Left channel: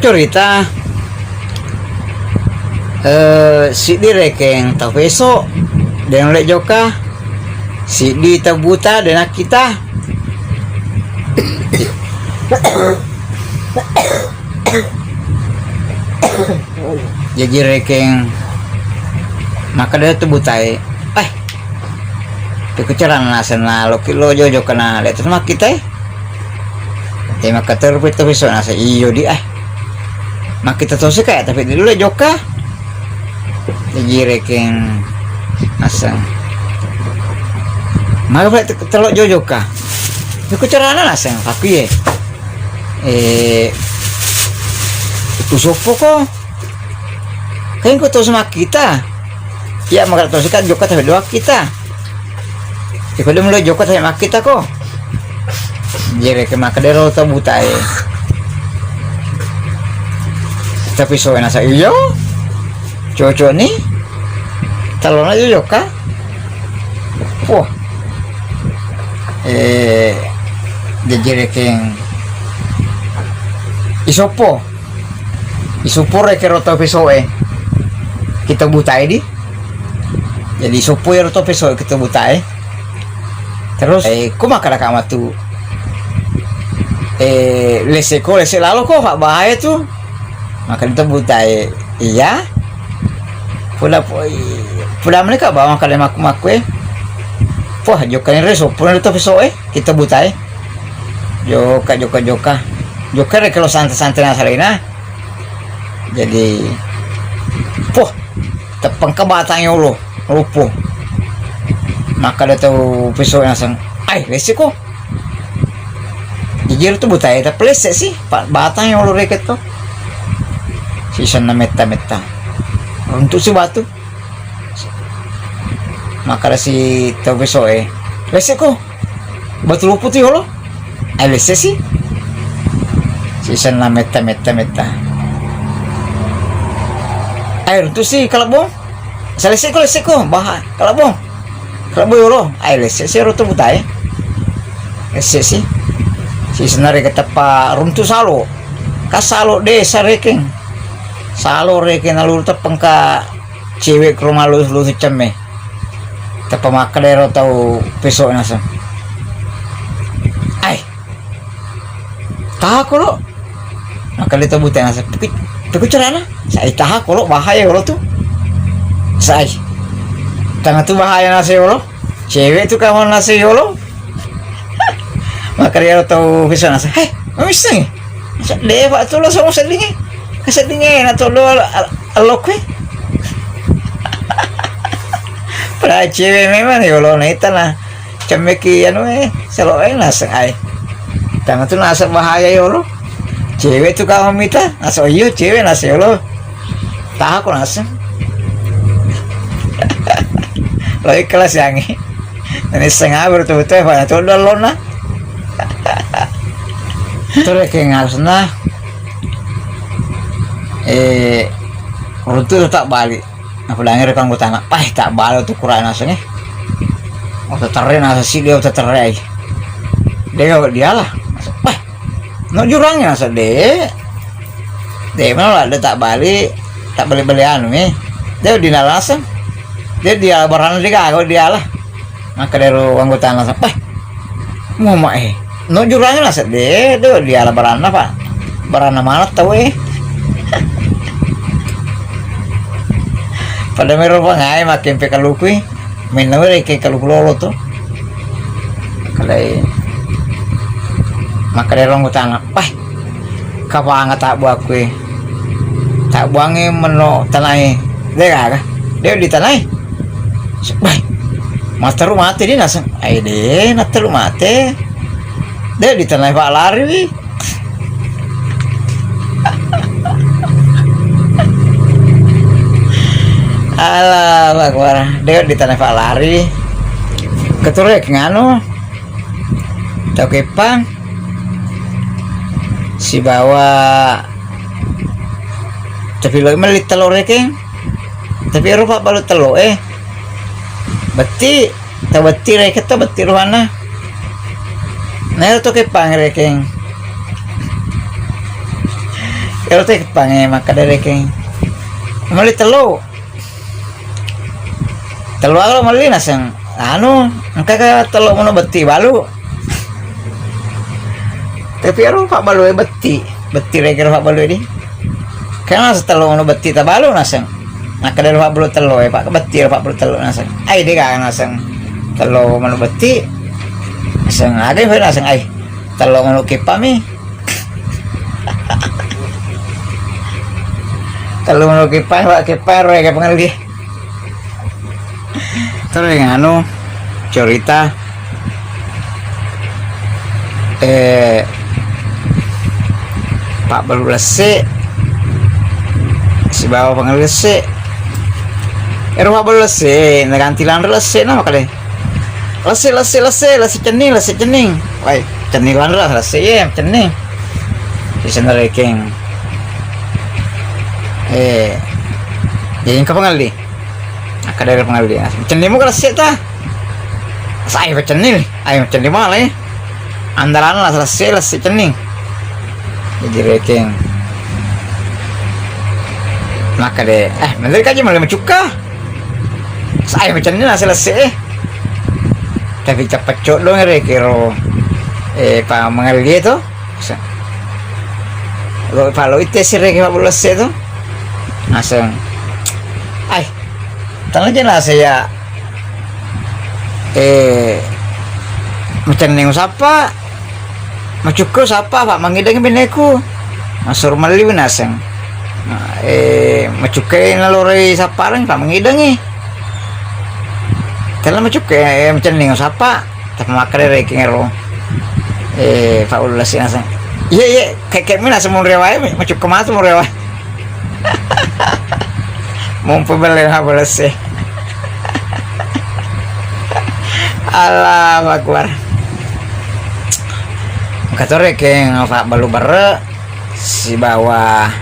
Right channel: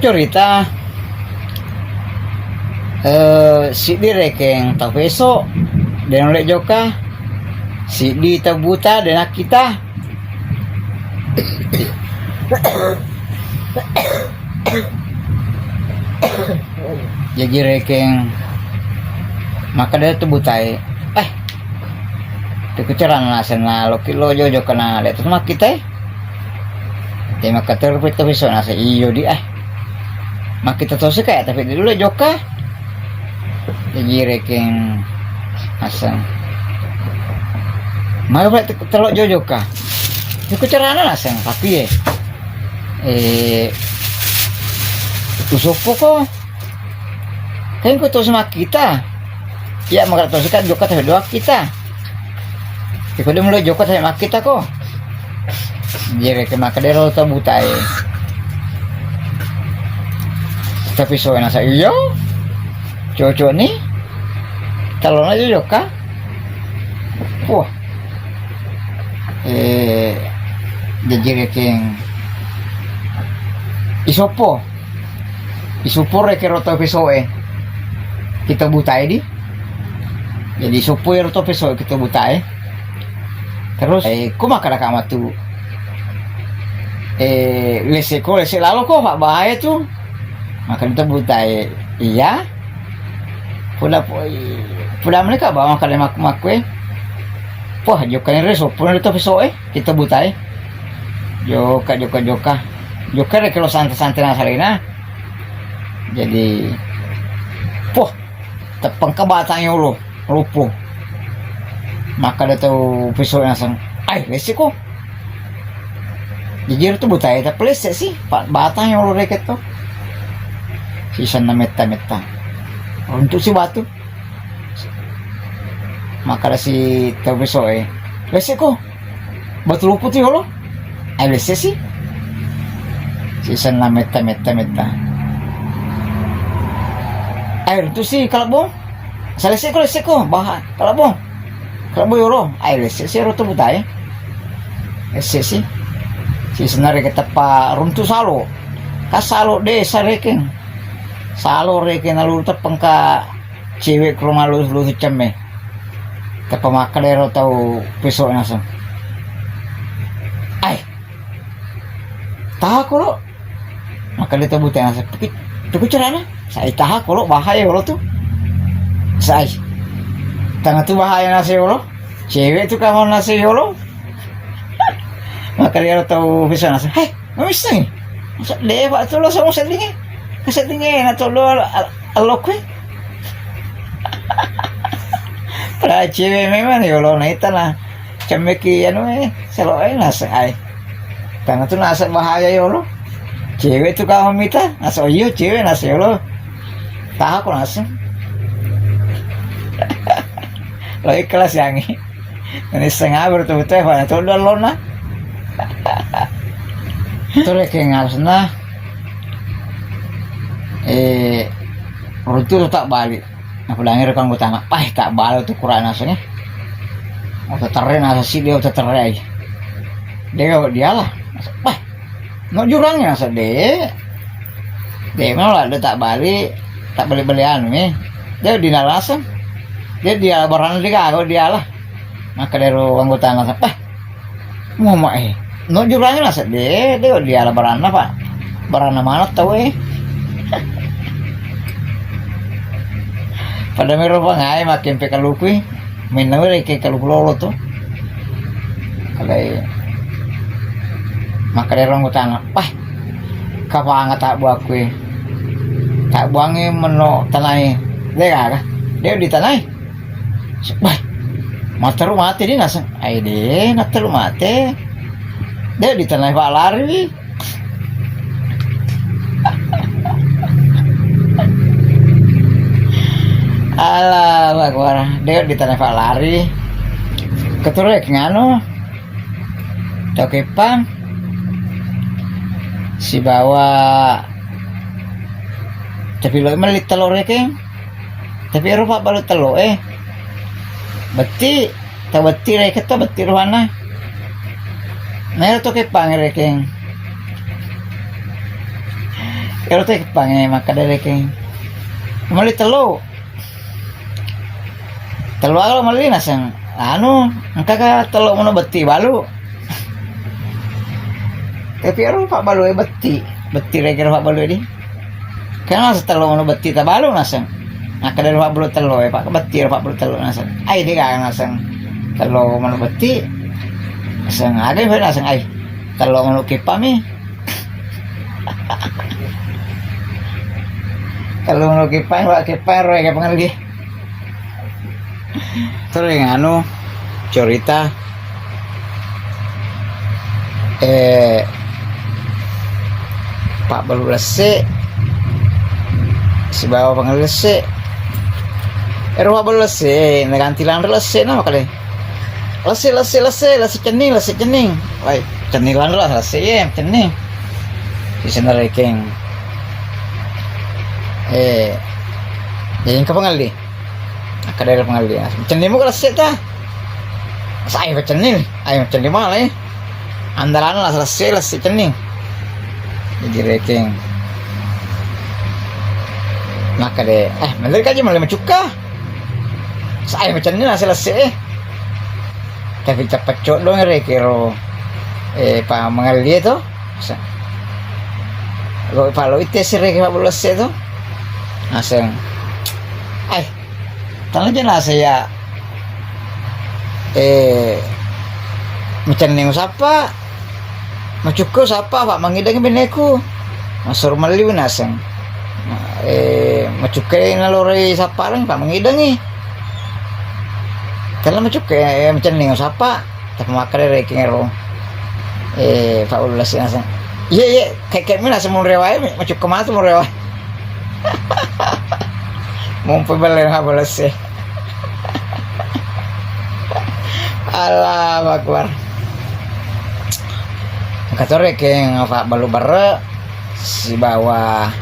cerita si di rekeng tau besok dan oleh joka si di tau buta dan kita jadi rekeng maka dia tu butai kekucaran nasan na lo jojo kana le terus mak kita maka terpit tu besok nasa iyo di mak kita tahu sih kayak tapi dulu le joka jadi rekeng asal maka telok jojo ka kekucaran nasan tapi usupo ko kan ko tahu sama kita ya maka tahu sih kan joka tapi doa kita ikaw dum lo joka tapi mak kita ko jadi ke makadero to butai tapi so nasa iyo cocok nih talon aja joka wah jadi rekeng isopo reke roto pesoe kita butai di jadi isopo ya roto pesoe kita butai terus kumaka kama tu lese lalu kok gak bahaya tuh maka kita butai iya pula mereka bawa kali maku wah jokan reso pula itu besok kita butai joka rek kalau santai nasalina jadi wah tepeng ke batangnya lo lupu maka dia tahu besok langsung resiko jujur tuh butai tapi lesek sih batang yang lo reket tuh sisa na meta untuk si batu maka si tahu besok lesek kok batu lupu tuh lo lesek sih sisa na meta untuk si kalau bong lesek kok bahaya kalau bong lo lesek sih lo tuh butai lesek sih si senari ketapa runtuh salo kasalo desa rekeng salo rekeng lalu tepeng ka cewek ke rumah lu ceme tepa makadero tau besok nasa taha ko lo maka dia tahu buta nasa tapi carana saya taha ko lo bahaya lo tuh saya tengah tuh bahaya nasi lo cewek tuh kamu nasi lo maka dia tahu bisa nasa misang deva tuh lo sama sedingin na tuh lo alok pada cewek memang ya lo naita lah cemeki selalu nasa tangan tuh nasa bahaya ya lo cewek tuh kamu minta nasa iyo cewek nasa ya lo tahu aku nasa lo ikhlas yangi ini setengah betul-betul pada tuh lo na itu rekeng harusnya runtuh tak balik aku langir rekang gue tanah tak balik tuh kurang nasanya teterin nasa sih dia teterin dia lah no jurangnya nasa dia mana lah dia tak balik belian dia di nalasan dia barang dia lah maka dari anggota nasa mau no jurangnya lah sedih dia lah barana pak barana mana tahu pada merah pangai makin pekalukui minum lagi kaluk lolo tuh kalai maka dari orang utana kapang tak buat kue tak buangnya meno tanai dia di tanai mata rumah mati dia nasang nata rumah mati dia di tanah Pak Lari alah Akbar dia di tanah Pak Lari keturek nganu tau kepang si bawa tapi lo melit telur rekeng tapi rupa balut telur beti ta beti reket ta beti ruana nah to ke pang rekeng Pero teh pange maka dari keng mali telo alo mali nasang engka ka telo mono beti balu. Tapi pak balu beti lagi pak balu ini. Karena telo mono beti ta balu nasang. Maka dari pak balu telo pak beti pak balu telo nasang. Ai dia kan nasang telo mono beti. Nasang ada yang nasang ai telo mono kipami. Telo mono kipai pak kipai kayak pengalih. Terus yang cerita Pak baru lese si bawa pengen lese Pak baru lese nagantilan lese nama kali lese cening wai cenilan lese ya cening di sana reking jadi kapan kadang pengalih cening mau lese ta saya pecenil ayo cening malah andalan lah lese cening jadi reking maka deh bener kan malah mencuka saya pecenil lah selesai tapi cepat cok dong rekiro pak mengalih itu kalau itu sih reking pak bulas itu langsung tangan jelas saya mencening siapa macukur siapa pak mangidang bineku masur mali naseng macukai nalore saparang pak mangidangi telah macukai mencening siapa tapi makare rekingero pak ulas naseng iya kayak mana semua rewai macuk kemas semua rewai mumpubalen habulas Allah akbar katore keng pak balu bare si bawa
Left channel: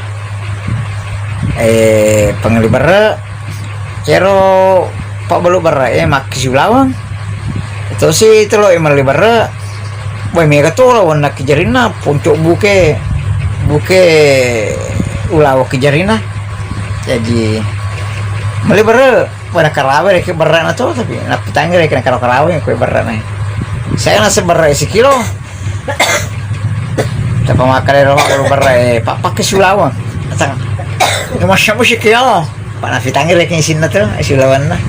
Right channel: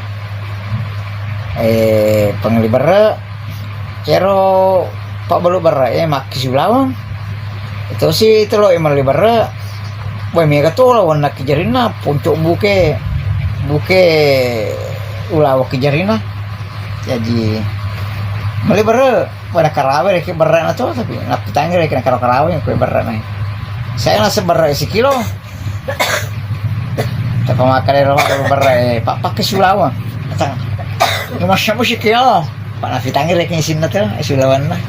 pengeli bare yero pak balu bare mak sulawang itu si itu lo imali bare boy mega tuh lo nak kejarina puncuk buke ulawa kejarina jadi mali bare pada karawe rek bare na to tapi nak pitangir rek karawe ko bare na saya nasi bare si kilo tapi makan roh berai papa ke Sulawang datang masya Allah sih kilo pak nafi tangir lagi sini tuh Sulawan lah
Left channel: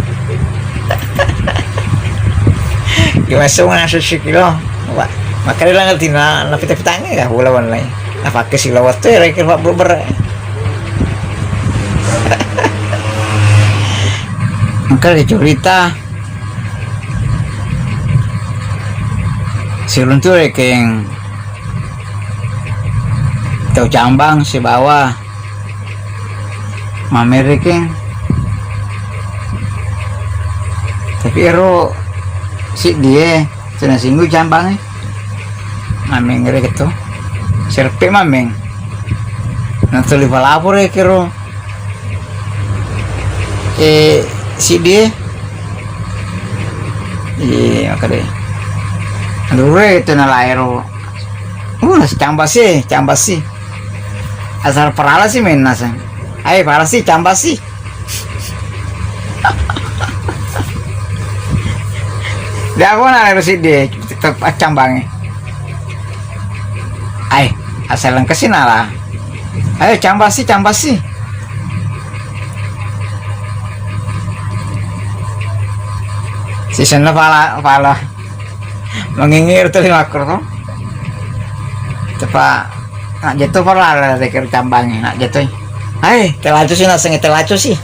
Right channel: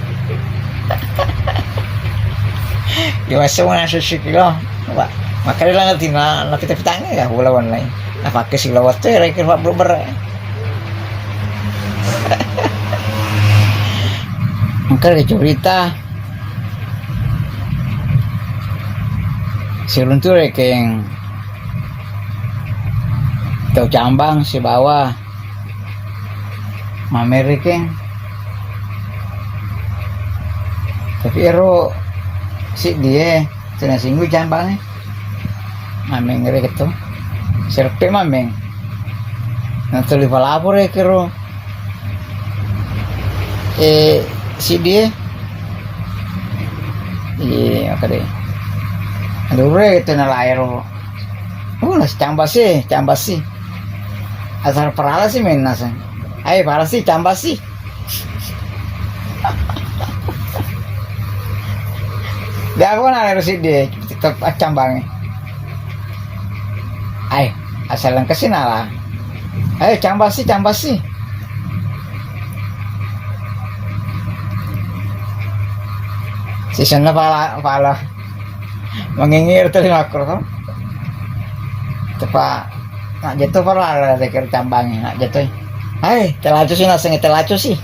gimana semua nasi sih kilo pak makan lah ngerti nafi tangir ya Sulawan lah apa ke Sulawang tuh ya rekir pak belum berai maka ada cerita si runtuh reking tau cambang si bawah mamer reking tapi ero si dia cina singgu cambangnya mameng ngeri gitu serpe mameng nanti lipat lapor ya kiro si dia iya kali aduh itu nalairo cambah sih asal perala sih main nasa ayo parah sih cambah sih dia aku nalairo si dia tetap cambangnya ayo asal lengkesin lah ayo cambah sih si sana pala mengingir telinga akor tuh tepat nak jatuh pala rekir cambangnya nak jatuh telacu sih naseng telacu sih